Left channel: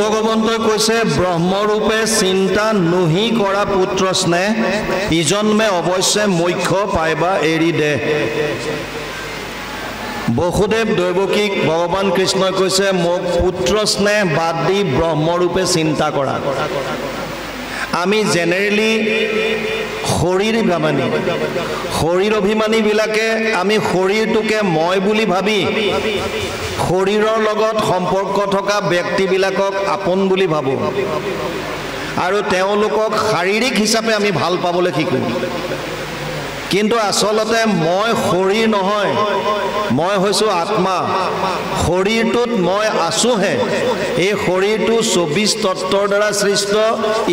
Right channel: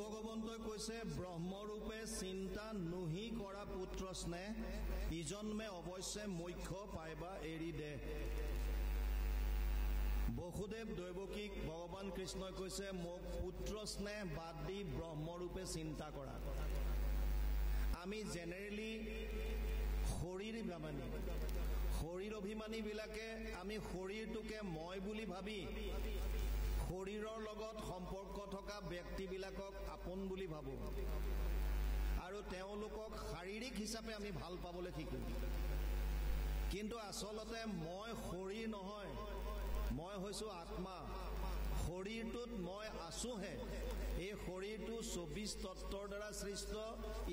ভগৱন্তই কৈছে ব্ৰহ্মৰূপে চিন্তা নহি কৰা পুত্ৰ স্নেহ ইজন্মে অৱশ্যে মোক্ষ পাইবা এৰি দে। বসুদেৱ দৈৱকীক ভগৱান কৃষ্ণই কৈছে মোক পুত্ৰ স্নেহ বাদ দি ব্ৰহ্মৰূপে চিন্তা কৰা। আমি জেনেৰেলি শৰীৰ অভিমানীবিলাকে আমি শৰীৰটোকে মই বুলি ভাবি শৰীৰৰ লগত সম্পৰ্ক থকা ব্যক্তিবিলাকক আপোন বুলি ভাবোঁ আৰু তেওঁলোকক শাৰীৰিক হিচাপে আমি ভাল পাবলৈ শিকোঁ। কিন্তু আচলতে মই শৰীৰ নহয়, মই হৈছোঁ আত্মা। শৰীৰটোত মই আছোঁহে। এই শৰীৰটো 24 তত্ত্বৰ দ্বাৰা সৃষ্ট,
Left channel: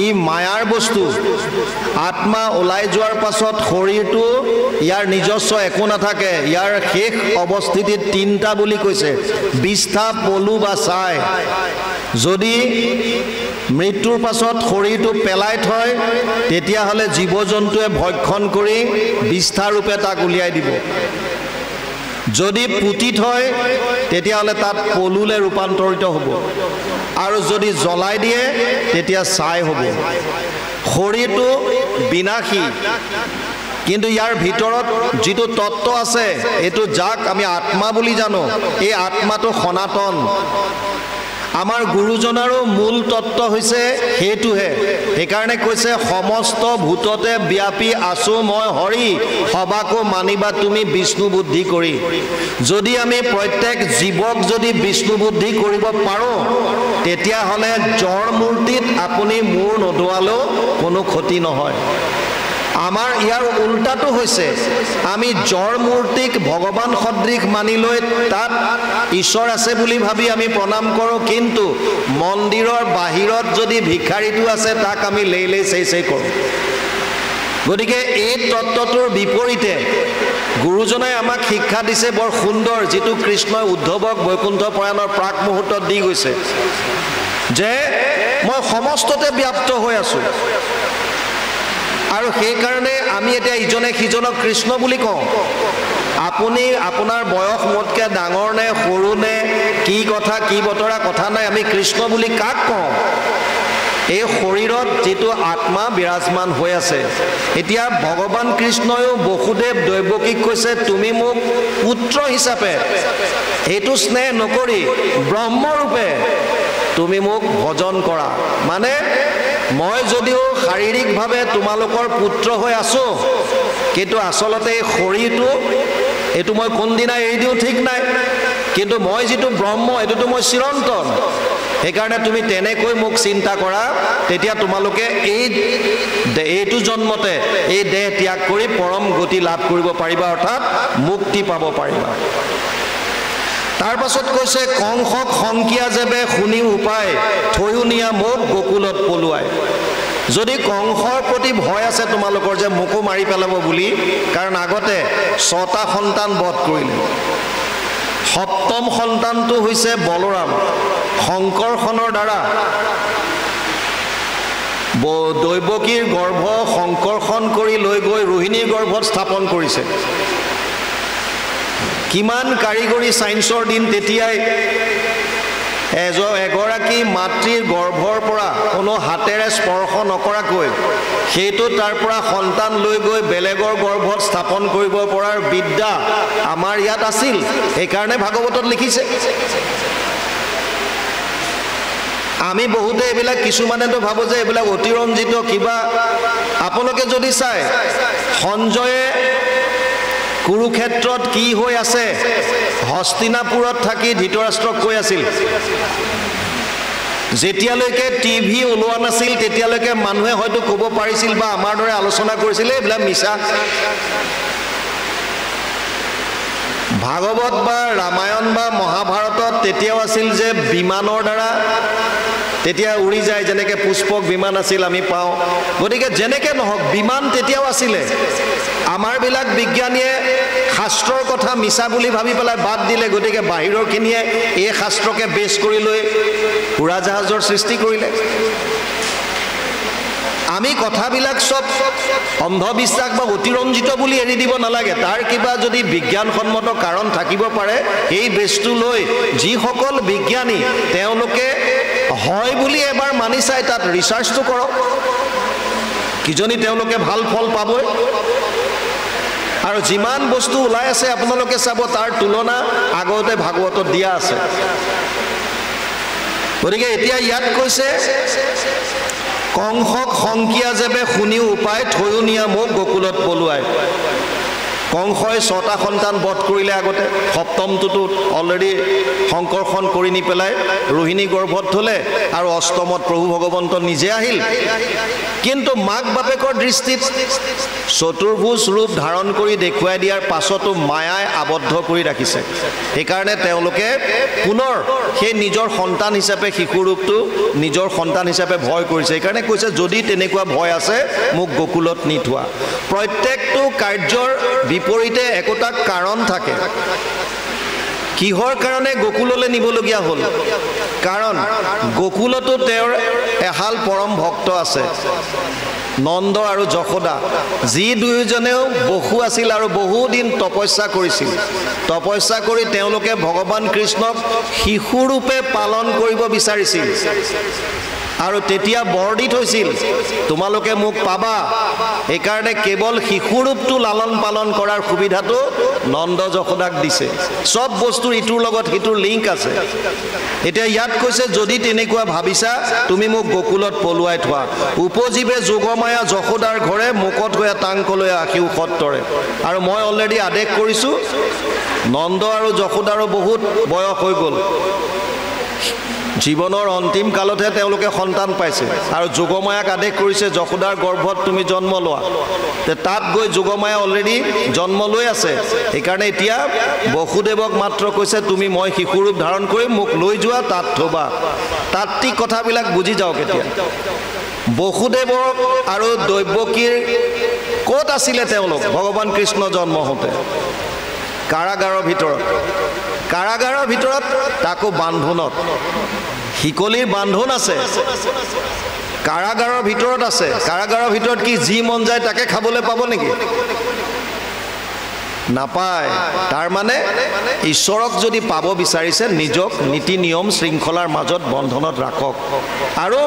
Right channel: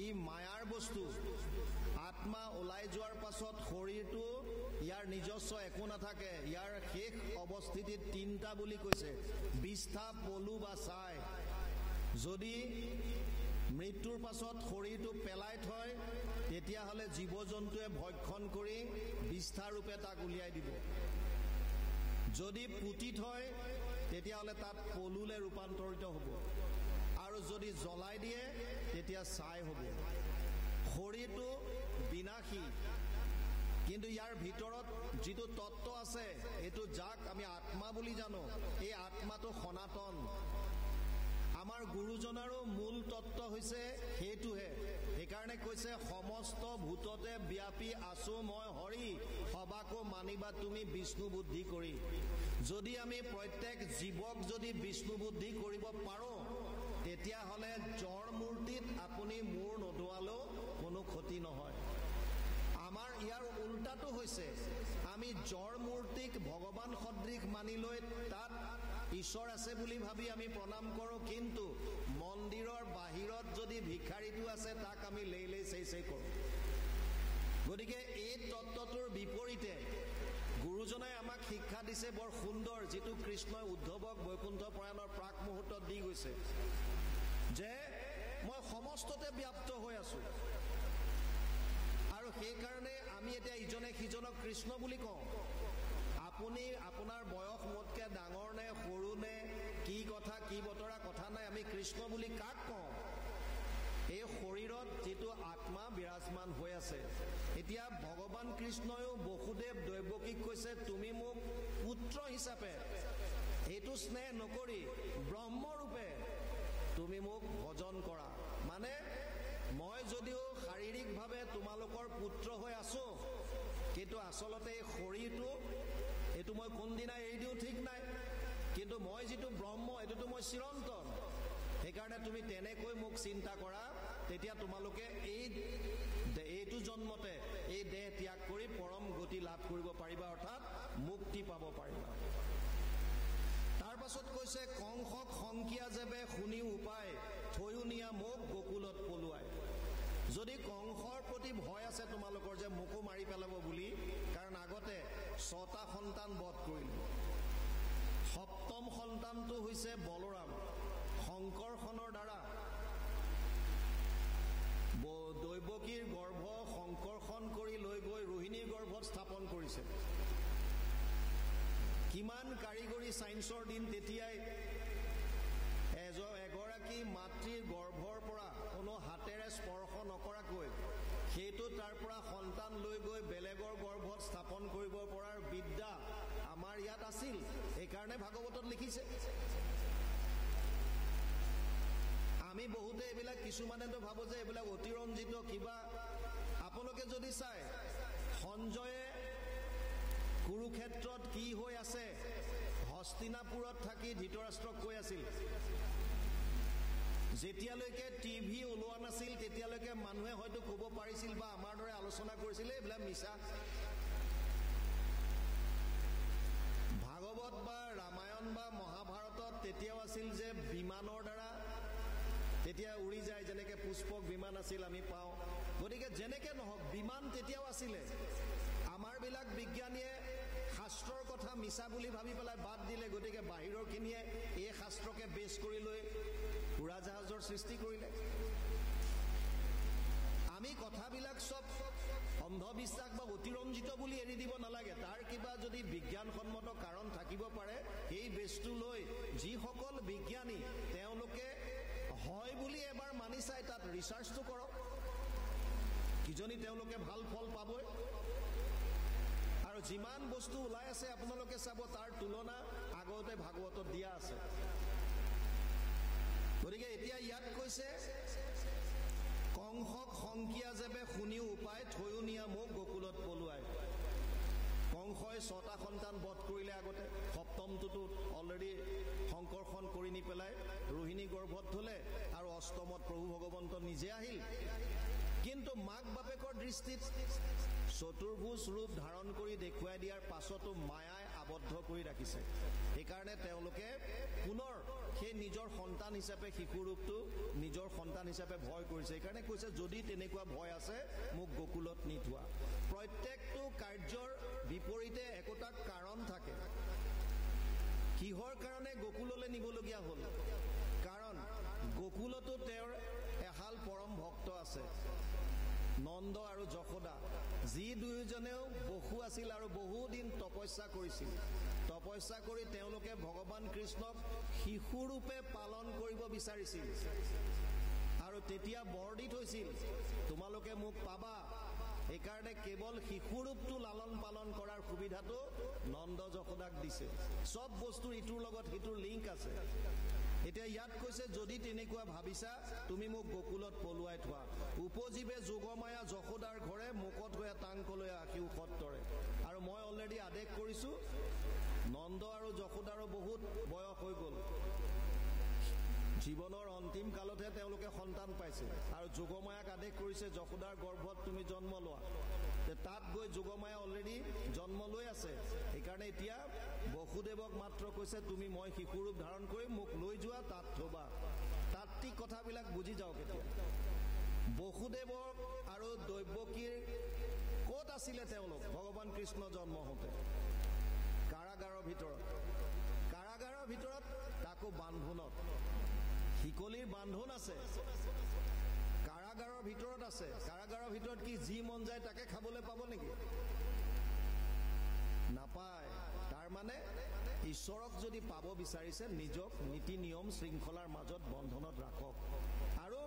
ই মায়াৰ বস্তু। আত্মা ওলাই যোৱাৰ পাছত শৰীৰটো ইয়াৰ নিজস্ব একো নাথাকে। ইয়াৰ শেষ অৱস্থিতিত 3টা বুলি কৈছে, বিষ্ঠা, পলু বা ছাই। যদি মৃত্যুৰ পাছত শৰীৰটো পেলাই থয় তেতিয়াহ'লে জীৱ জন্তুৱে ভক্ষণ কৰি বিষ্ঠাৰূপে তাক উলিয়াই দিব। যদি পুতি থয় তেতিয়াহ'লে তাত পলুলৈ ৰূপান্তৰিত হ'ব, আৰু যদি জ্বলাই দিয়ে তেতিয়া ছাই হ'ব। শৰীৰটো বিনাশী, কিন্তু ইয়াৰ ভিতৰত যিটো তত্ত্ব আছে এইটো যাক আমি আত্মা বুলি জানো, এই আত্মাটো সনাতন। আমাৰ গুৰুজনাৰো মূল তত্ত্ব হৈছে সেইটোহে। সেইকাৰণে কৈছে সমস্ত ভূততে ব্যাপী আছো মই হৰি, সবাকো মানিবা তুমি বিষ্ণু বুদ্ধি কৰি। যদি আমি প্ৰত্যেক জীৱক যদি বিষ্ণু বুদ্ধি কৰিব পাৰোঁ তেতিয়াহ'লে জড় মূৰ্তিত আপুনি মূৰ নদোৱালেও কোনো ক্ষতি নহয়। আমাৰ ইয়াৰ উল্টাটো হৈছে আমি জড় মূৰ্তিক ভগৱান সদৃশ মানি লৈ তাত ঈশ্বৰ আছে বুলি ভাবি আমি প্ৰণাম কৰোঁ, কিন্তু মন্দিৰৰ বাহিৰত যদি ভিক্ষাৰীটো আছে তাক আমি লেই চেই কৰোঁ। গতিকে এই তত্ত্বটোৰ বিপৰীতে গুৰুজনাই আমাক শিক্ষা দিছে বৰ সুন্দৰ, যিটো কৃষ্ণই উদ্ধৱক বৈকুণ্ঠ প্ৰয়াণৰ প্ৰাক মুহূৰ্তত দি গৈছে, যে মই সমস্ততে ব্যাপ্ত হৈ আছোঁ। আৰু সেইকাৰণে আমি এতিয়া ইজনে সিজনক কৃষ্ণ বুলি কওঁ। আপুনি আপোনাৰ বয়স মোতকৈ ডাঙৰ নে সৰু নে কি কথা কি বতৰা কথা নাই, আমি কৃষ্ণ বুলি কাক কওঁ? এই শৰীৰত যিটো আত্মা বিৰাজমান হৈ আছে। এতিয়া ভগৱান কৃষ্ণয়ো বসুদেৱ দৈৱকীক কৈছে তুমি মোক পুত্ৰ হিচাপে এইটো স্নেহ নকৰি ব্ৰহ্মৰূপে তুমি মোক ভজন কৰা। মানে মই যদিও শাৰীৰিকভাৱে তোমালোকৰ পুত্ৰ হৈ আছোঁ, কিন্তু আচলতে এই শৰীৰটো এইটো মই কোনদিনা এৰি দিওঁ ঠিক নাই, কিন্তু মই যিটো ব্ৰহ্ম এইটোতো মই চিৰন্তন। সেইকাৰণে তুমি তেনেকৈ মোক চিন্তা কৰা, তেতিয়া তোমালোকে এইটো জন্মতে এই দেহ ত্যাগ কৰি পৰম গতি লাভ কৰিব পাৰিবা, অৰ্থাৎ মুক্তি পাব পাৰিবা। তাৰ পাছত কৈছে কংসক সংকিয়া যেবে শুনি উপায়, থৈও নিয়া মোক গোকুলত পলুৱাই। যদি কংসৰ প্ৰতি ভয় আছে তোমালোকৰ যে মোকো মাৰি পেলাব বুলি, কাৰণ আগতে 6টা সন্তান বধ কৰিলে। 7ম সন্তানটো হৈছে বলৰাম। শংকৰখনৰ দ্বাৰা দৈৱকীৰ গৰ্ভ শংকৰখন কৰি লৈ গৈ ৰোহিণীৰ গৰ্ভত স্থাপন কৰিছে। কিমান কাৰিকৰী ছায়েন্সৰ দিন তেতিয়াই। এগৰাকী মাতৃৰ গৰ্ভৰ পৰা কোনো হাতেৰে স্পৰ্শ নকৰাকৈ সেইটো তাৰ পৰা সন্তান লৈ গৈ বেলেগৰ গৰ্ভত স্থাপন কৰিব পৰাৰ বিদ্যা আমাৰ ইয়াত আছিল। সেইকাৰণে ভাগৱতত লিখিছে। আমি বহুতে এইবিলাক কিছুমানেতো ভাবোঁ যে এইবিলাক অতিৰঞ্জিত কিবা। আপোনালোকে যদি চায় সঞ্জয়ে কুৰুক্ষেত্ৰত কি হৈ আছে, হস্তিনাপুৰত থাকি ধৃতৰাষ্ট্ৰক কৈ আছিল, যেতিয়ালৈকে টিভি ওলোৱা নাছিল তেতিয়ালৈকে মানুহে হয়তো ক'ব পাৰিছিল বা আমাৰ দৰে আলোচনা কৰিছিল এইবিলাক মিছা। ভাগৱত বা ৰামায়ণ বা মহাভাৰতত তেতিয়াও আছিল যে বিমানৰ দ্বাৰা তেতিয়া উৰি যায়, যেনেকৈ পুষ্পক বিমান আছিল আমি পাওঁ। গতিকে যেনেকৈ নহওক বিমান তেতিয়াও আছিলে। আমাৰবিলাক বিজ্ঞানীয়ে শাস্ত্ৰৰ কথা মিছা বুলি ভাবি পেলাই বাদ দিলে, গতিকে বাহিৰৰখিনিয়ে এই শাস্ত্ৰকে বেছ কৰি লৈ উৰাজাহাজৰ সৃষ্টি কৰিলে। আমি কথাবিলাক সব অন্ধবিশ্বাস বা অতিৰঞ্জিত বুলি এৰি দিব নালাগে। তাৰ কিবা যদি বিজ্ঞানসন্মত কাৰণ থাকিব পাৰে, এই বেছটো লৈ যিসকল বিজ্ঞানী তেওঁলোকে হয় বুলি এবাৰ মানি চাই তাত ৰিচাৰ্চটো কৰক, কিজনী তেওঁলোকে ভাল ফল পাবই। আৰু যিমান বস্তু ওলাই আছে আপোনালোকে চাব, তাৰ তুলনা আগতে ভাগৱতত দিয়া আছে। গতিকে এতিয়া ইয়াত কৈছে, কংসক সংকিয়া যেবে শুনিও উপায়, থৈও নিয়া মোক গকুলত পলুৱাই। কংসই 6টা সন্তান বধ কৰিলে আগতে, সপ্তমটোতো অলৰেডি সংকৰ্ষণ কৰি নি পেলাই ৰোহিণী গৰ্ভত থলে, আৰু অষ্টমত প্ৰভু ভগৱন্ত নিজে আহিল। কিন্তু মাক বাপেকৰ দৃষ্টিত চতুৰ্ভুজ ৰূপ ধাৰণ কৰি দেখুৱাই দিয়াৰ পাছতো মায়াই আবদ্ধ কৰি ৰাখিছে। সেইকাৰণে তেওঁলোকে পুনৰ সেই নিজৰ সন্তান হিচাপে শিশু ৰূপটো নিজৰ সন্তান হিচাপে ভয় কৰিছে। সেইকাৰণে কৈছে, যদি তেনেকুৱা ভয় আছে মোক গকুলত নি থোৱা। প্ৰত্যেকটো কাৰ্যৰ বিপৰীতে একোটা কাৰণ থাকে। কিহৰ কাৰণে গকুললৈ নিবলগীয়া হ'ল? কাৰণ গকুলতো তেওঁৰ এহাল পৰম ভক্ত আছে, নন্দ আৰু যশোদা, যি দুয়োজনেও বসু আছিল আৰু বহুদিন তপস্যা কৰিছিল। তপস্যা কৰি তেওঁলোকে ভগৱান কৃষ্ণক শিশুৰূপে পালন কৰিব বিচাৰিছিল, আৰু তেতিয়া বৰ দি থৈছিল, তোমালোকে মোক পাবা। সেইকাৰণে কেৱল শিশুৰূপটো লালন পালন কৰাৰ সুবিধাটো নন্দ যশোদাক দিছে। চব বস্তুৰ ইটোৰ লগত সিটোৰ লিংক আছে। এতিয়া ইয়াত কৈছে, যদি তেনেকুৱা ভাবিছা তুমি মোক গকুলত পলুৱাই থোৱা। উপজীৱে যোগমায়া যশোদাৰ ঘৰে, মুকত হৈয়া টাংকলৈ আশিও সত্তৰে। আৰু মই অলৰেডি আদেশ কৰিছোঁ, নন্দ আৰু যশোদাৰো বহুত বয়স হৈ গ'ল, জীৱনৰ অন্তিম কালতহে তেওঁলোকে সন্তান পাইছে। আৰু যোগমায়াক আদেশ কৰিছে, যশোদাৰ গৰ্ভত তুমি জন্ম লোৱা। তাত গৈ যোগমায়া অলৰেডি জন্ম লৈ আছে। সেইকাৰণে এতিয়া বসুদেৱক মাত্ৰ কৈছে, তুমি মই শিশুৰূপ ধাৰণ কৰি মোক লৈ যোৱা, তাত থবা। তাত্ত্বিক কথাবিলাক বুজি যাওক। এতিয়া বসুদেৱক আৰু দৈৱকীৰ ক'ত আছিলে তেওঁলোক? ভগৱান কৃষ্ণ জন্ম হওঁতে কাৰাগাৰৰ ভিতৰত। কাৰাগাৰৰ ভিতৰত, তাকো বান্ধোনত। শিকলিৰ বান্ধোন আছে, কাৰাগাৰৰ ভিতৰত আছে। কাৰাগাৰৰ ভিতৰত কি যি মন যায় তাকে খাবলৈ পাব নেকি? নাপায়। তাৰমানে ঈশ্বৰক যদি পাব বিচাৰিছে, নিজক নীতি নিয়ম শৃংখলাৰ মাজত বন্ধনত ৰাখক। আৰু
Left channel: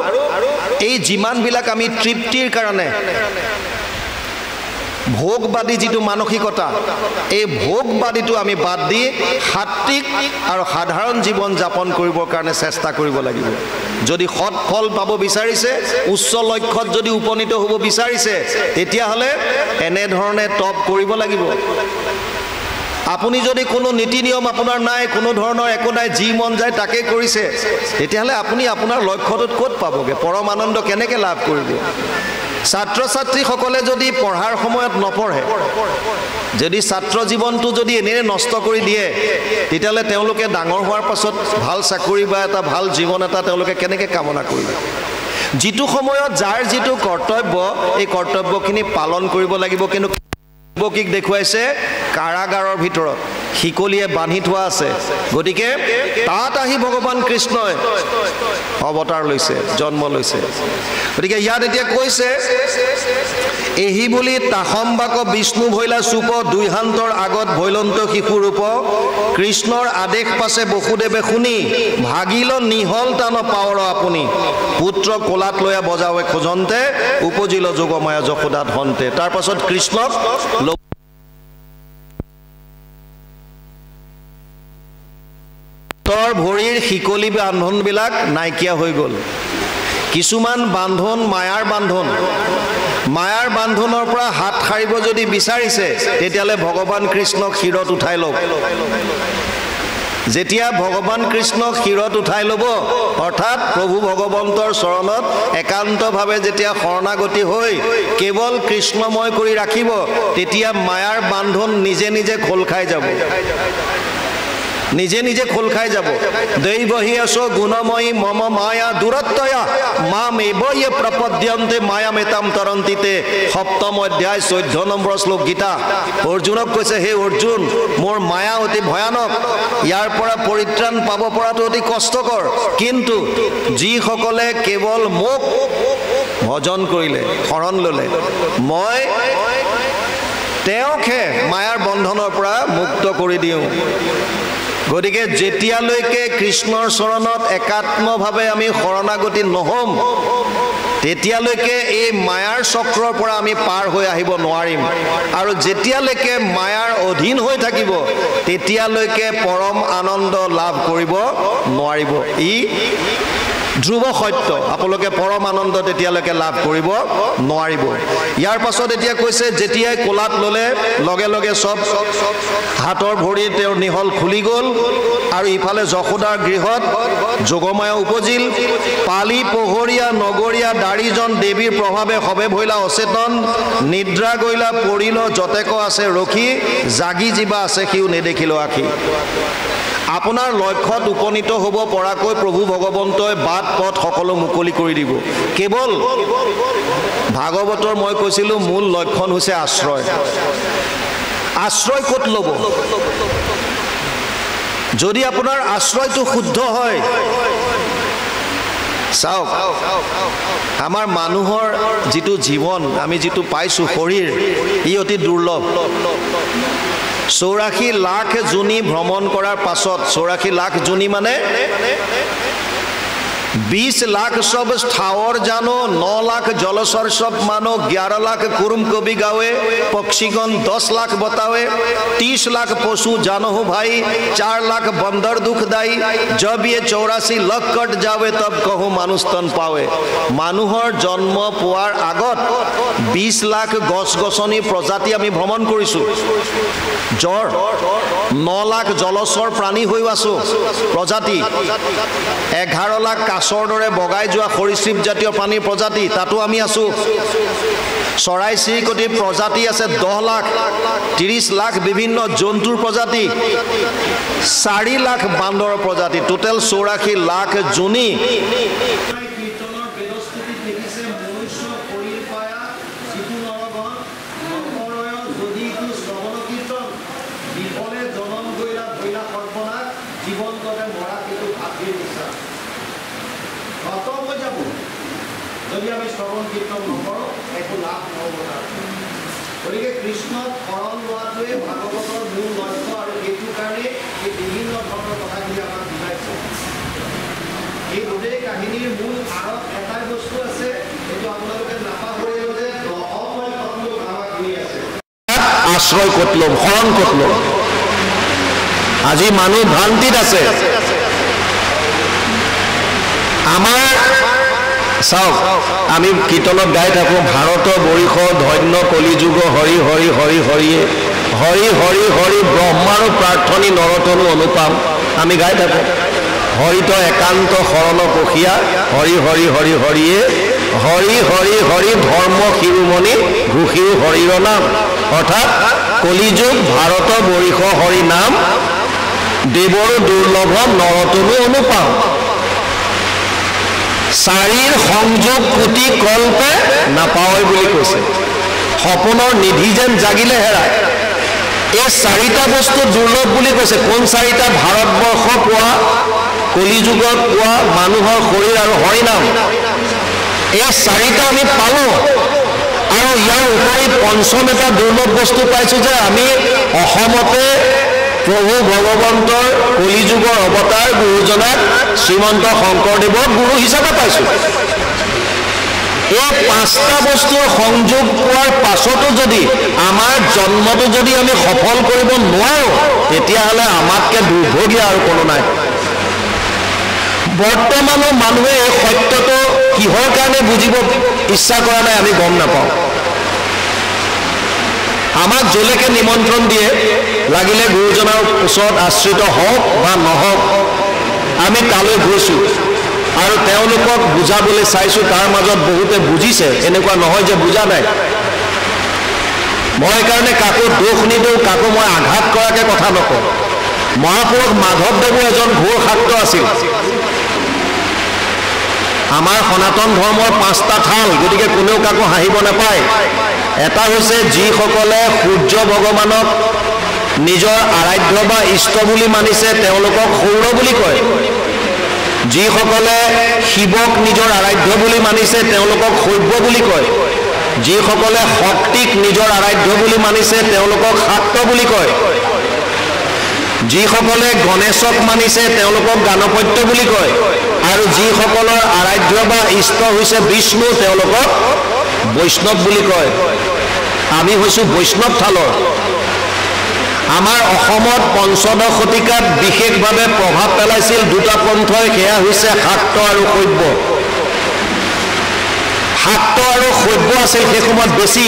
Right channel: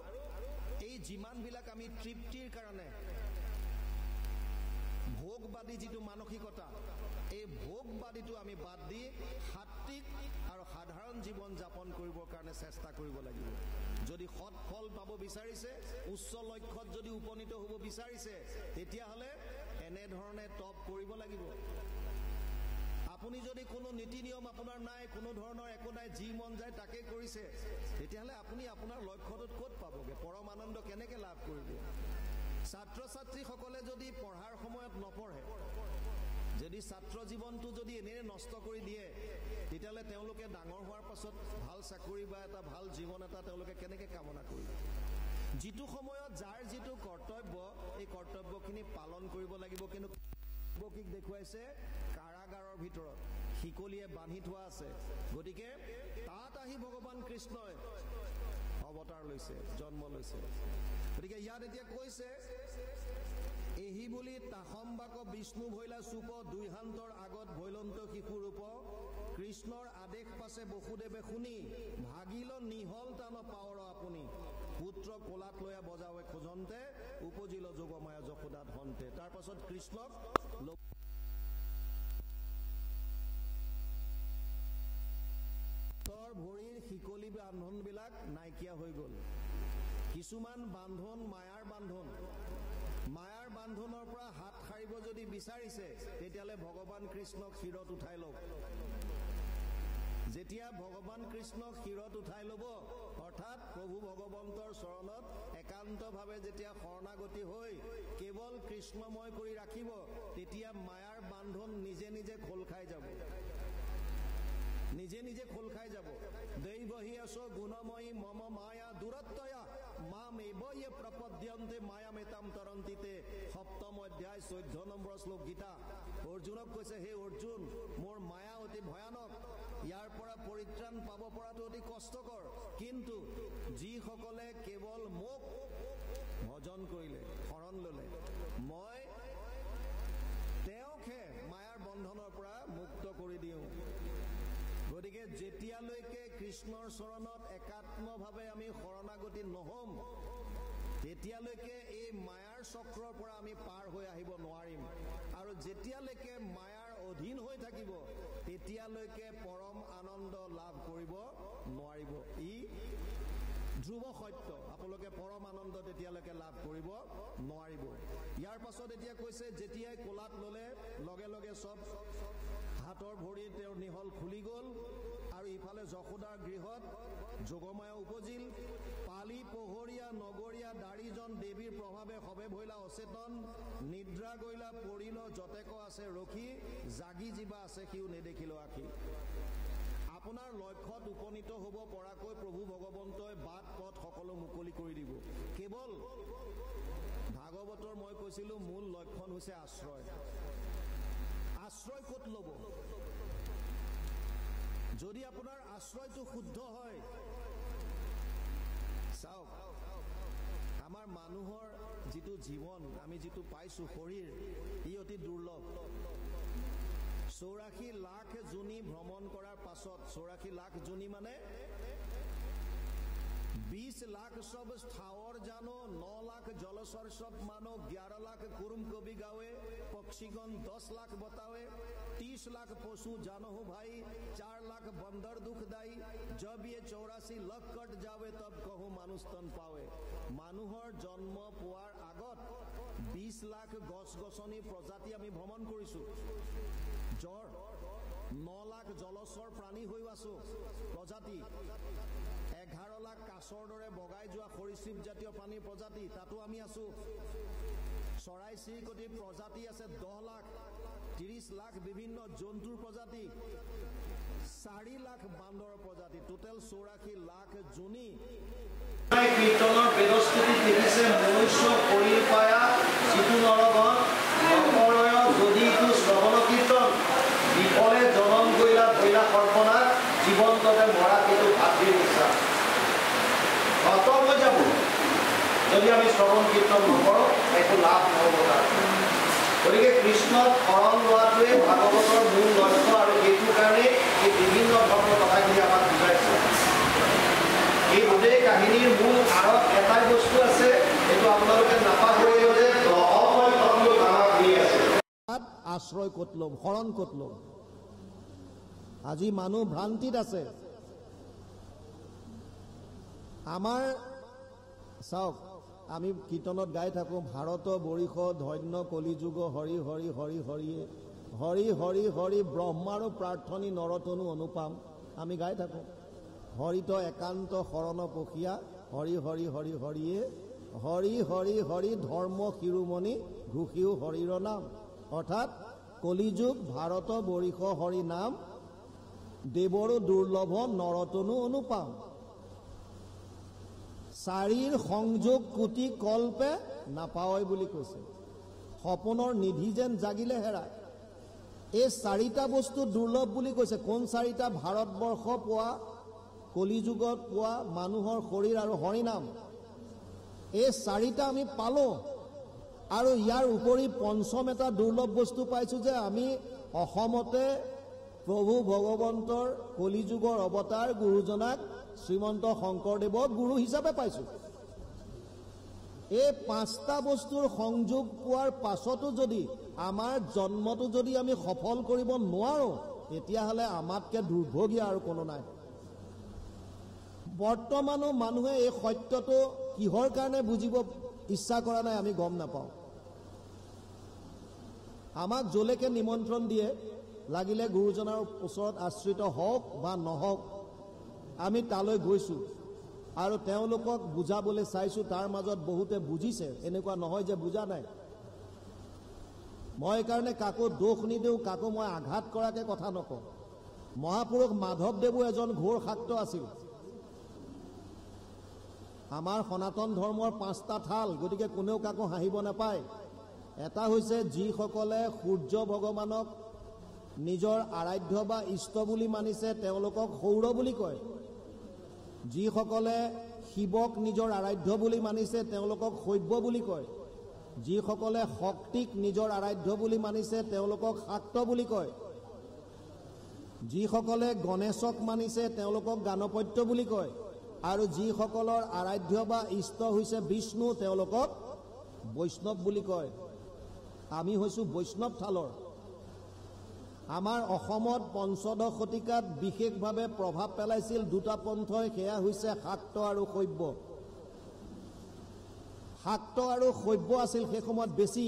এই যিমানবিলাক আমি তৃপ্তিৰ কাৰণে ভোগবাদী যিটো মানসিকতা, এই ভোগবাদীটো আমি বাদ দি সাত্বিক আৰু সাধাৰণ জীৱন যাপন কৰিবৰ কাৰণে চেষ্টা কৰিব লাগিব। যদি সৎ ফল পাব বিচাৰিছে, উচ্চ লক্ষ্যত যদি উপনীত হ'ব বিচাৰিছে, তেতিয়াহ'লে এনেধৰণে তপ কৰিব লাগিব। আপুনি যদি কোনো নীতি নিয়ম আপোনাৰ নাই, কোনো ধৰণৰ একো নাই, যি মন যায় তাকে কৰিছে, তেতিয়াহ'লে আপুনি আপোনাৰ লক্ষ্যটোত ক'ত পাবগৈ? পৰম আনন্দ কেনেকৈ লাভ কৰিব? ছাত্ৰ ছাত্ৰীসকলে যদি পঢ়াৰ সময়ত নপঢ়ে, যদি ছাত্ৰ জীৱনটো যদি এনেই নষ্ট কৰি দিয়ে, তেতিয়াহ'লে তেওঁলোকে ডাঙৰ হোৱাৰ পাছত ভাল চাকৰি বা এটা ভাল জীৱন এটা তেওঁলোকে কেনেকৈ কামনা কৰিব? যিটো সময়ত যাৰ যিটো কৰ্তব্য, এই কৰ্তব্যখিনি পালন কৰিব লাগিব। কিন্তু দৈৱকীক দেখুৱাইছে কাৰাগাৰৰ ভিতৰত, শিকলিয়ে বান্ধি থোৱা আছে। গতিকে তাত আহি ভগৱান কৃষ্ণই অৱতাৰ লৈছে, জন্ম লৈছে। গতিকে ইয়াত এতিয়া কৈছে, এহি বুলি তাসম্বাক বিষ্ণু ভৈলা চুপ, দুইহান্তৰ আগত ভৈলন্ত শিশু ৰূপ। কৃষ্ণৰ আদেশ পাছে বসুদেৱে শুনি, ভাগিল নিহল টান পাৱৰ আপুনি। পুত্ৰ কোলাত লৈয়া বজাৱে খোজন্তে, উপজিল যোগমায়া যশোদা ধন্তে। তাৰ পাছত কৃষ্ণক ভৰিৰ শিকলি বান্ধনবিলাক নাইকিয়া হৈ গ'ল। কিছুমান বান্ধন মায়াৰ বান্ধন, মায়াৰ বান্ধনৰ পৰা হাত সাৰিব যদি বিচাৰিছে, তেতিয়াহ'লে ভগৱান কৃষ্ণক শিৰত উঠাই লওক। যেতিয়া ভগৱান কৃষ্ণক শিৰত উঠাই ল'ব, অৰ্থাৎ প্ৰভু ভগৱন্তৰ চৰণত একান্তভাৱে যেতিয়া শৰণাগতি হৈ কেৱল কৃষ্ণময় কৰি ৰাখিব, তেতিয়া মায়াৰ বান্ধন নিজে নিজে খোল খাই যাব, নিজে নিজে খোল খাই যাব। দৈবহি আছো গুণময়ী মম মায়া দূৰত্বয়া মাম এবয়ে প্ৰপদ্যন্তে মায়া মেতাম তৰন্তিতে। 7ম অধ্যায় 14 নম্বৰ শ্লোক গীতা। অৰ্জুনক কৈছে, হে অৰ্জুন, মোৰ মায়া অতি ভয়ানক, ইয়াৰ পৰা পৰিত্ৰাণ পাব পৰাটো অতি কষ্টকৰ। কিন্তু যিসকলে কেৱল মোক ভজন কৰিলে, শৰণ ল'লে, মই তেওঁকহে মায়াৰ বন্ধনৰ পৰা মুক্ত কৰি দিওঁ। গতিকে যেতিয়ালৈকে কৃষ্ণৰ চৰণত একাত্মভাৱে আমি শৰণাগতি নহ'ম তেতিয়ালৈকে এই মায়াৰ চক্ৰৰ পৰা আমি পাৰ হৈ আহিব নোৱাৰিম আৰু যেতিয়ালৈকে মায়াৰ অধীন হৈ থাকিব তেতিয়ালৈকে পৰম আনন্দ লাভ কৰিব নোৱাৰিব ই ধ্ৰুৱ সত্য আপোনালোকে পৰম আনন্দ তেতিয়ালৈকে লাভ কৰিব নোৱাৰিব ইয়াৰ পাছত এতিয়া কৈছে যেতিয়াই কোলাত ল'লে লগে লগে সব হাতৰ ভৰি তেওঁৰ নিহল খুলি গ'ল আৰু ইফালে যশোদাৰ গৃহত যোগমায়া উপজিল পালি পোহৰীয়া নগৰীয়া দাড়ীজন দেৱীৰ প্ৰভাৱে সবে ভৈলা অচেতন নিদ্ৰা গৈলা পৰিল যতেক আছে ৰখি জাগি জীৱা আছে সিও নেদেখিল আখি আপোনাৰ লক্ষ্যত উপনীত হ'ব পৰাকৈ প্ৰভু ভগৱন্তই বাট পথ সকলো মুকলি কৰি দিব কেৱল ভাগৱতৰ মই কৈছিলোঁ মূল লক্ষণ হৈছে আশ্ৰয় আশ্ৰয় ক'ত ল'ব যদি আপোনাৰ আশ্ৰয়টো শুদ্ধ হয় চাওক আমাৰ মানুহৰ যিটো জীৱন আমি যিটো পাইছোঁ শৰীৰ ই অতি দুৰ্লভ 84 লাখ জুনি ভ্ৰমণ কৰাৰ পাছত 84 লাখ জুনি মানে 20 लाख सब स्थावर जानो 9 लाख जलचर सब मानो 11 लाख कुरुम कवि गावे पक्षीगण 10 लाख बतावे 30 लाख पशु जानो हो भाई 4 लाख बंदर दुखदाई जब ये 84 लाख कट जावे तब कहो मानुष तन पावे मानुहर जन्म पुआर आगत 20 लाख गस गसनी प्रजाति आमी भ्रमण करिसु जर 9 लाख जलचर प्राणी হৈ আছো प्रजाति 11 लाख কাছৰ দৰে বগাই যোৱা সৰীসৃপ জাতীয় প্ৰাণীৰ প্ৰজাতি তাতো আমি আছো চৰাই চিৰিকটিৰ প্ৰজাতি আছে 10 লাখ 30 লাখ বিভিন্ন জন্তুৰ প্ৰজাতি 4 লাখ বান্দৰৰ প্ৰজাতি টোটাল 84 লাখ জুনি কীৰ্তনৰ বেদস্তুতি দেখিছে মনুষ্য শৰীৰ পায়া যিটো নৰগণ নকৰয় যদি তু শ্ৰৱণ কীৰ্তন বিফলে জনম গৈলা ভৈলা সৰ্বনাশ জীৱন্ততে মৰা কিন্তু ভাতৃৰ নিচা খতম হৈ যাব যদি আমি শ্ৰৱণ কীৰ্তন নকৰোঁ একো লাভ নহ'ব গতিকে কৃষ্ণক শৰণ লোৱাটোৱে ভাগৱতৰ মূল লক্ষ্য আৰু এইটো কাৰণে এই বিভিন্ন ধৰণৰ কথাখিনি আমাক বুজাইছে এই গোটেই কাহিনীৰ মূল আঁৰত এটাই বস্তু আছে এইটো আপোনালোকে নাপাহৰিব যে আশ্ৰয় ক'ত ল'ম শৰণ ক'ত ল'ম আজি মানুহ ভ্ৰান্তিত আছে আমাৰ চাওক আমি কীৰ্তনত গাই থাকোঁ ভাৰত বৰিষ ধন্য কলিযুগ হৰি হৰি হৰি হৰিয়ে হৰি হৰি হৰি ব্ৰহ্মাৰ প্ৰাৰ্থনী নৰতনু অনুপাম আমি গাই থাকোঁ হৰিত একান্ত শৰণ পখিয়া হৰি হৰি হৰি হৰিয়ে হৰি হৰি হৰি ধৰ্ম শিৰোমণি ঘোষিও হৰিৰ নাম অৰ্থাৎ কলিযুগ ভাৰত বৰিষ হৰি নাম দেৱৰ দুৰ্লভ নৰতনু অনুপাম চাৰিৰ সংযোগ কোটি কল্পে নাপায় বুলি কৈছে সপোনৰ নিধি যেন জাগিলে হেৰায় এই চাৰিটা বস্তু দুৰ্লভ বুলি কৈছে কোন চাৰিটা ভাৰতবৰ্ষ পোৱা কলিযুগত পোৱা মানুহৰ শৰীৰ আৰু হৰিনাম এই চাৰিটা আমি পালোঁ আৰু ইয়াৰ উপৰি পঞ্চম এটা দুৰ্লভ বস্তু পাইছোঁ যে আমি অসমতে প্ৰভু ভগৱন্তৰ কলিযুগৰ অৱতাৰ গুৰুজনাক শ্ৰীমন্ত শংকৰদেৱক গুৰু হিচাপে পাইছোঁ এই পাঁচটা বস্তুৰ সংযোগ পোৱাৰ পাছতো যদি আমাৰ জন্মটো যদি আমি সফল কৰিব নোৱাৰোঁ তেতিয়াহ'লে আমাতকৈ দুৰ্ভগীয়া আৰু কোনো নাই বৰ্তমানৰ মানুহে এই সত্যটো কিহৰ কাৰণে বুজিব ইচ্ছা কৰা নাই আমি গম নাপাওঁ আমাক যলৈকে নিমন্ত্ৰণ দিয়ে লাগিলে গুৰুজনাৰ ওচৰত আশ্ৰিত হওক বা নহওক আমি তালৈ গৈছোঁ আৰু তেওঁলোকক বুজাবলৈ চাইছোঁ তাৰ মাজত বহুতে বুজিছে এনেকুৱা নহয় যে বুজা নাই মই কাৰণে কাকো দোষ নিদিওঁ কাকো মই আঘাত কৰাকৈ কথা নকওঁ মহাপুৰুষ মাধৱদেৱো এজন ঘোৰ শাক্ত আছিল আমাৰ সনাতন ধৰ্মৰ 5টা থাল গতিকে কোনেও কাকো হাঁহিব নাপায় এটা হৈছে যিসকলে সূৰ্য ভগৱানক নিজৰ আৰাধ্য বা ইষ্ট বুলি মানিছে তেওঁলোকক সৌৰ বুলি কয় যিসকলে শিৱক নিজৰ আৰাধ্য বুলি মানিছে তেওঁলোকক শৈৱ বুলি কয় যিসকলে শক্তিক নিজৰ আৰাধ্য বুলি মানিছে তেওঁলোকক শাক্ত বুলি কয় যিসকলে গণেশক মানিছে তেওঁলোকক গাণপত্য বুলি কয় আৰু যিসকলৰ আৰাধ্য বা ইষ্ট হৈছে বিষ্ণু তেওঁলোকক বৈষ্ণৱ বুলি কয় আমি হৈছোঁ বৈষ্ণৱ থালৰ আমাৰ অসমত পঞ্চদশ শতিকাত বিশেষভাৱে প্ৰভাৱ পেলাইছিল দুটা পন্থই সেয়া হৈছে শাক্ত আৰু শৈৱ শাক্ত আৰু শৈৱ আছিল সেই সময়ত বেছি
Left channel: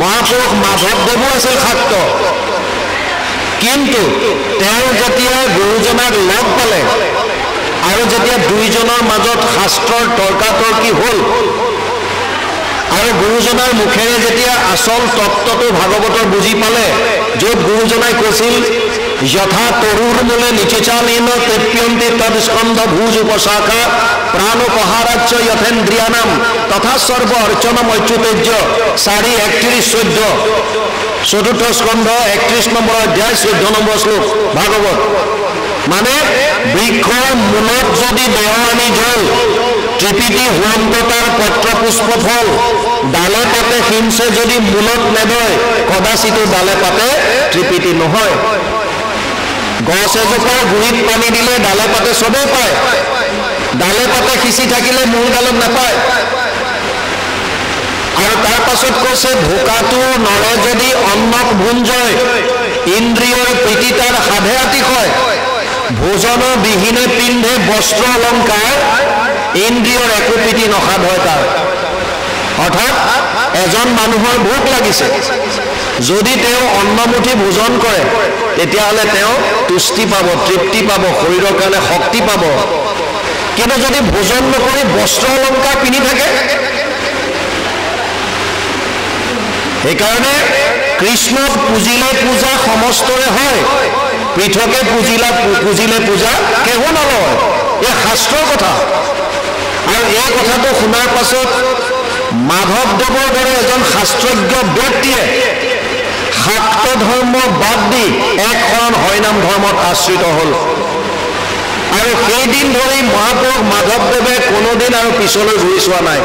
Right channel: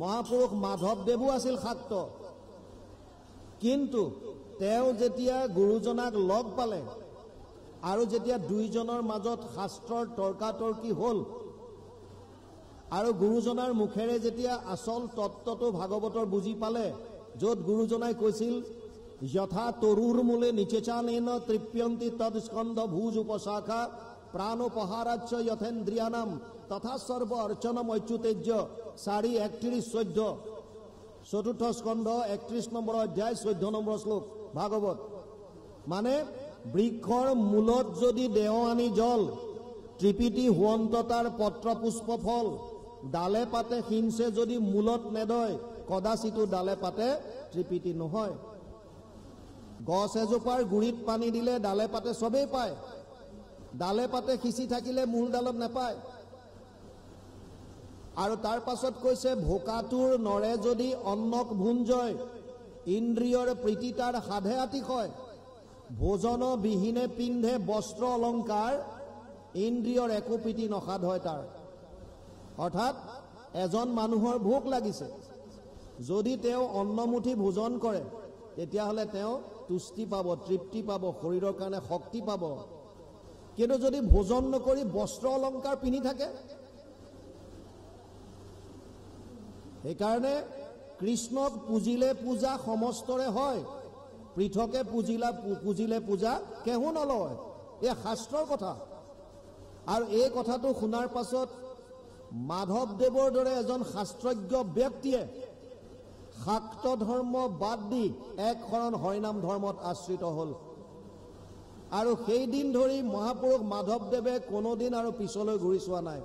মহাপুৰুষ মাধৱদেৱো আছিল শাক্ত কিন্তু তেওঁ যেতিয়া গুৰুজনাক লগ পালে আৰু যেতিয়া দুইজনৰ মাজত শাস্ত্ৰৰ তৰ্কাতৰ্কি হ'ল আৰু গুৰুজনাৰ মুখেৰে যেতিয়া আচল তত্ত্বটো ভাগৱতৰ বুজি পালে য'ত গুৰুজনাই কৈছিল যথা তৰুৰ মূলে নিচিচালীন তৃপ্যন্তি তৎস্কন্ধ ভুজ উপশাখা প্ৰাণোপহাৰাচ্য যথেন্দ্ৰিয়ানাম তথা সৰ্ব অৰ্চনম অচ্যুতেজ্য 4:31-14 চতুৰ্থ স্কন্ধ 31 নম্বৰ অধ্যায় 14 নম্বৰ শ্লোক ভাগৱত মানে বৃক্ষৰ মূলত যদি দেৱানী জল ত্ৰিপিটি হুৱন্ততাৰ পত্ৰ পুষ্প ফল ডালে পাতে হিংসে যদি মূলত নেদয় কদাচিতো ডালে পাতে ত্ৰিপিটি নহয় গছ এজোপাৰ গুৰিত পানী দিলে ডালে পাতে চবেই পায় ডালে পাতে সিঁচি থাকিলে মূল ডালত নাপায় আৰু তাৰ পাছত কৈছে ভোকাটো নৰে যদি অন্নক ভুঞ্জয় ইন্দ্ৰিয়ৰ প্ৰীতি তাৰ সাধে আতিশয় ভোজনৰ বিহীনে পিন্ধে বস্ত্ৰ অলংকাৰ ইন্দ্ৰিয়ৰ একো প্ৰীতি নসাধ হয় তাৰ অৰ্থাৎ এজন মানুহৰ ভোক লাগিছে যদি তেওঁ অন্নমুঠি ভোজন কৰে তেতিয়াহ'লে তেওঁ তুষ্টি পাব তৃপ্তি পাব শৰীৰৰ কাৰণে শক্তি পাব কিন্তু যদি ভোজন নকৰি বস্ত্ৰ অলংকাৰ পিন্ধি থাকে সেইকাৰণে কৃষ্ণক পুজিলে পূজা সমস্তৰে হয় পৃথকে পুজিলে পূজা কেহু নলয় এই শাস্ত্ৰৰ কথা আৰু এই কথাটো শুনাৰ পাছত মাধৱদেৱৰ দৰে এজন শাস্ত্ৰজ্ঞ ব্যক্তিয়ে শাক্ত ধৰ্ম বাদ দি এক শৰণ হৰিনাম ধৰ্মত আশ্ৰিত হ'ল আৰু সেইদিন ধৰি মহাপুৰুষ মাধৱদেৱে কোনোদিন আৰু পিছলৈ ঘূৰি চোৱা নাই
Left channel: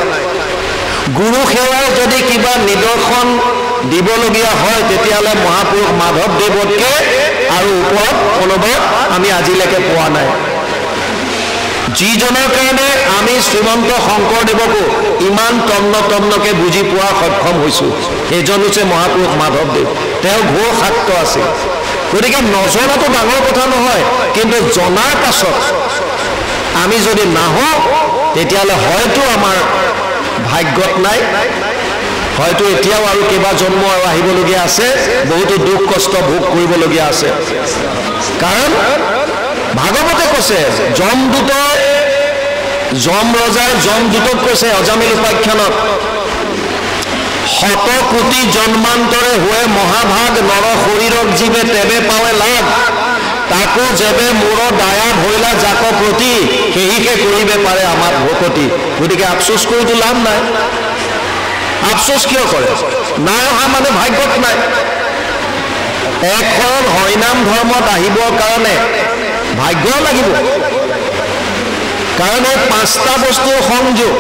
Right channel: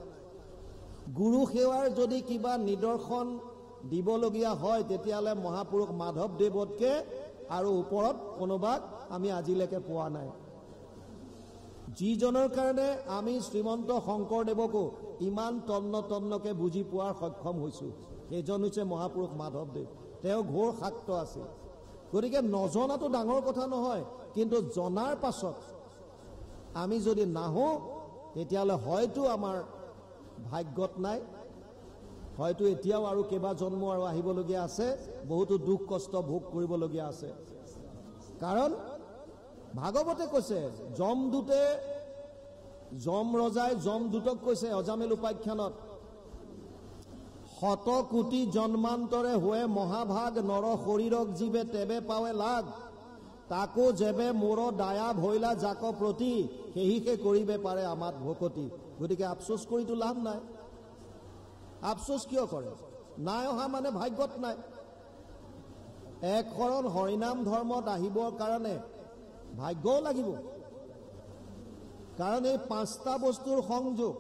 গুৰু সেৱাৰ যদি কিবা নিদৰ্শন দিবলগীয়া হয় তেতিয়াহ'লে মহাপুৰুষ মাধৱদেৱতকৈ আৰু ওপৰত কোনোবা আমি আজিলৈকে পোৱা নাই যিজনৰ কাৰণে আমি শ্ৰীমন্ত শংকৰদেৱকো ইমান তন্নকে বুজি পোৱা সক্ষম হৈছোঁ সেইজন হৈছে মহাপুৰুষ মাধৱদেৱ তেওঁ ঘোৰ শাক্ত আছিল গতিকে নজনাটো ডাঙৰ কথা নহয় কিন্তু জনাৰ পাছত আমি যদি নাহোঁ তেতিয়াহ'লে হয়তো আমাৰ ভাগ্যত নাই হয়তো এতিয়াও আৰু কেইবা জন্ম আৰু আহিবলগীয়া আছে বহুতো দুখ কষ্ট ভোগ কৰিবলগীয়া আছে কাৰণ ভাগৱতে কৈছে যম ৰজাই যমদূতক কৈছে অজামিল উপাখ্যানত শত কোটি জন্মান্তৰে হোৱে মহাভাগ নৰ শৰীৰক জীৱে তেবে পাৱে লাভ তাকো যেবে মূৰ দায়া ভৈলা জাক প্ৰতি সেহিকে কৰিবে পাৰে আমাৰ ভকতি গতিকে আফচোচ কৰিতো লাভ নাই আফচোচ কিয় কৰে নাই অহা মানে ভাগ্যত নাই এক শৰণ হৰিনাম ধৰ্মত আহিবৰ কাৰণে ভাগ্য লাগিব কাৰণ এই পাঁচটা বস্তুৰ সংযোগ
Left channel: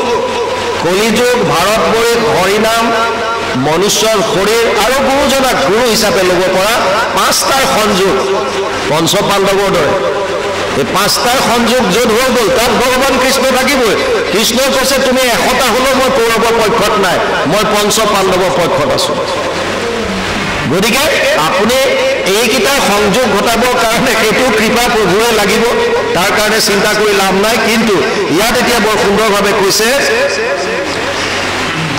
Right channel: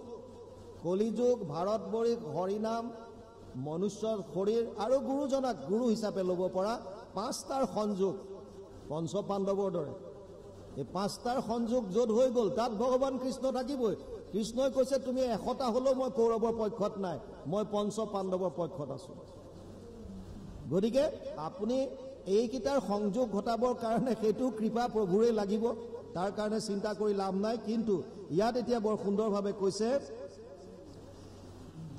কলিযুগ ভাৰতবৰ্ষত হৰিনাম মনুষ্যৰ শৰীৰ আৰু গুৰুজনাক গুৰু হিচাপে ল'ব পৰা পাঁচটাৰ সংযোগ পঞ্চ পাণ্ডৱৰ দৰে এই পাঁচটাৰ সংযোগ য'ত হৈ গ'ল তাত ভগৱান কৃষ্ণ থাকিবই কৃষ্ণই কৈছে তুমি 100টা হ'লেও মই কৌৰৱৰ পক্ষত নাই মই পঞ্চ পাণ্ডৱৰ পক্ষত আছোঁ গতিকে আপুনি এইকেইটাৰ সংযোগ ঘটাবৰ কাৰণে সেইটো কৃপা প্ৰভুৱে লাগিব তাৰ কাৰণে চিন্তা কৰি লাভ নাই কিন্তু ইয়াত এতিয়া বৰ সুন্দৰভাৱে কৈছে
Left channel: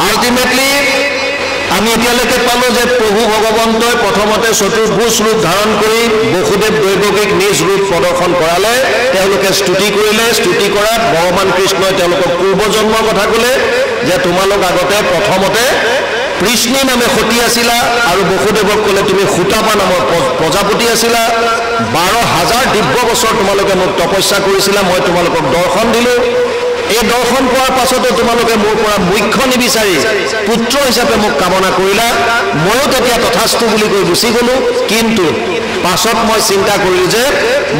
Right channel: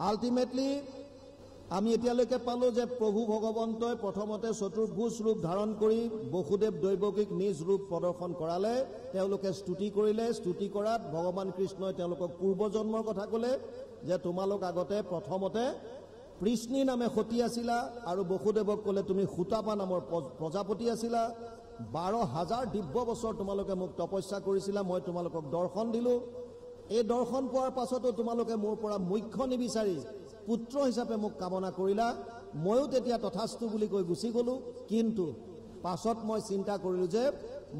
আল্টিমেটলি আমি এতিয়ালৈকে পালোঁ যে প্ৰভু ভগৱন্তই প্ৰথমতে চতুৰ্ভুজ ৰূপ ধাৰণ কৰি বসুদেৱ দৈৱকীক নিজ ৰূপ প্ৰদৰ্শন কৰালে তেওঁলোকে স্তুতি কৰিলে স্তুতি কৰাত ভগৱান কৃষ্ণই তেওঁলোকক পূৰ্বজন্মৰ কথা ক'লে যে তোমালোক আগতে প্ৰথমতে কৃষ্ণী নামে সতী আছিলা আৰু বসুদেৱক ক'লে তুমি সূতাপা নামৰ প্ৰজাপতি আছিলা 12,000 দিব্য বছৰ তোমালোকে মোক তপস্যা কৰিছিলা মই তোমালোকক দৰ্শন দিলোঁ এই দৰ্শন পোৱাৰ পাছতো তোমালোকে মোৰ পৰা মুখ্য নিবিচাৰি পুত্ৰ হিচাপে মোক কামনা কৰিলা ময়ো তেতিয়া তথাস্তু বুলি কৈ গুচি গ'লোঁ কিন্তু পাছত মই চিন্তা কৰিলোঁ যে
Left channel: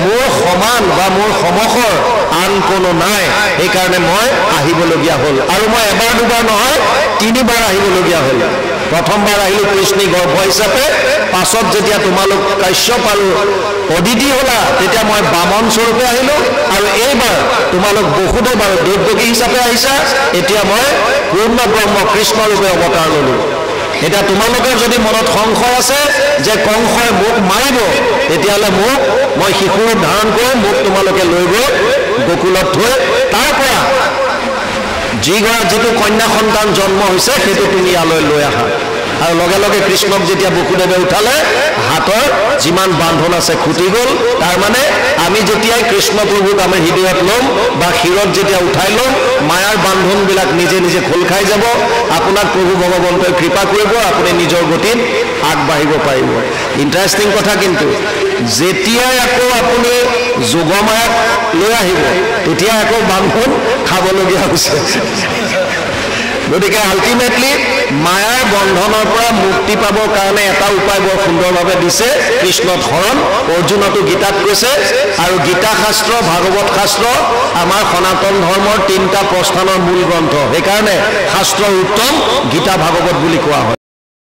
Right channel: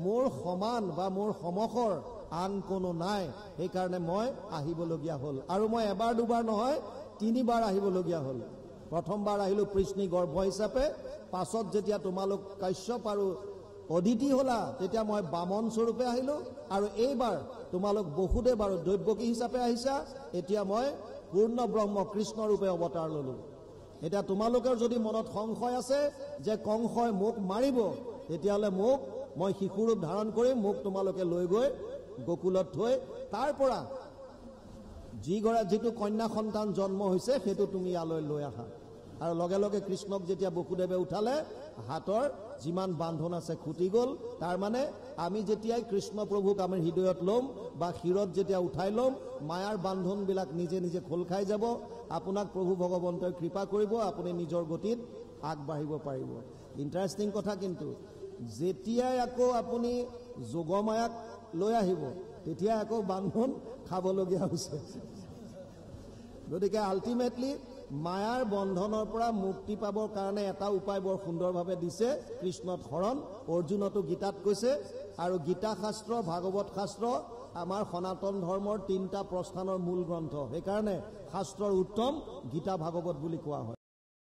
মোৰ সমান বা মোৰ সমসৰ আন কোনো নাই সেইকাৰণে মই আহিবলগীয়া হ'ল আৰু মই এবাৰ দুবাৰ নহয় 3বাৰ আহিবলগীয়া হ'ল প্ৰথমবাৰ আহিলোঁ কৃষ্ণী গৰ্ভ হিচাপে পাছত যেতিয়া তোমালোক কাশ্যপ আৰু অদিতি হ'লা তেতিয়া মই বামন স্বৰূপে আহিলোঁ আৰু এইবাৰ তোমালোক বসুদেৱ আৰু দৈৱকী হিচাপে আহিছা এতিয়া মই পূৰ্ণ ব্ৰহ্ম কৃষ্ণৰূপে অৱতাৰ ল'লোঁ এতিয়া তোমালোকৰ যদি মনত সংশয় আছে যে কংসই মোক মাৰিব তেতিয়াহ'লে মই শিশু ৰূপ ধাৰণ কৰি মোক তোমালোকে লৈ গৈ গোকুলত থৈ তাৰ পৰা যিটো কন্যা সন্তান জন্ম হৈছে সেইটো তুমি ইয়ালৈ লৈ আহা আৰু লগে লগে কৃষ্ণক যেতিয়া বসুদেৱে উঠালে হাতৰ যিমান বান্ধন আছে খুটি গ'ল তাৰ মানে আমি যেতিয়াই কৃষ্ণ প্ৰভুক আমি হৃদয়ত ল'ম বা শিৰত যেতিয়া উঠাই ল'ম মায়াৰ বান্ধনবিলাক নিজে নিজে খোল খাই যাব আপোনাক প্ৰভু ভগৱন্তই কৃপা কৰিব আপুনি নিজৰ গতিত আগবাঢ়িব পাৰিব ইণ্টাৰেষ্টিং কথা কিন্তু যেতিয়াই আকৌ আপুনি যোগমায়াক লৈ আহিব তেতিয়া আকৌ বান্ধন খাবলগীয়া হৈছে গতিকে আল্টিমেটলি মায়াৰ বন্ধনৰ পৰা মুক্তি পাবৰ কাৰণে এটা উপায় বৰ সুন্দৰভাৱে দিছে কৃষ্ণত শৰণ অৰ্জুনতো গীতাত কৈছে আৰু গীতা শাস্ত্ৰ ভাগৱত শাস্ত্ৰ আমাৰ সনাতন ধৰ্মৰ 3টা প্ৰস্থানৰ মূল গ্ৰন্থ সেইকাৰণে শাস্ত্ৰৰ উত্তম গীতা ভাগৱত বুলি কোৱা হয়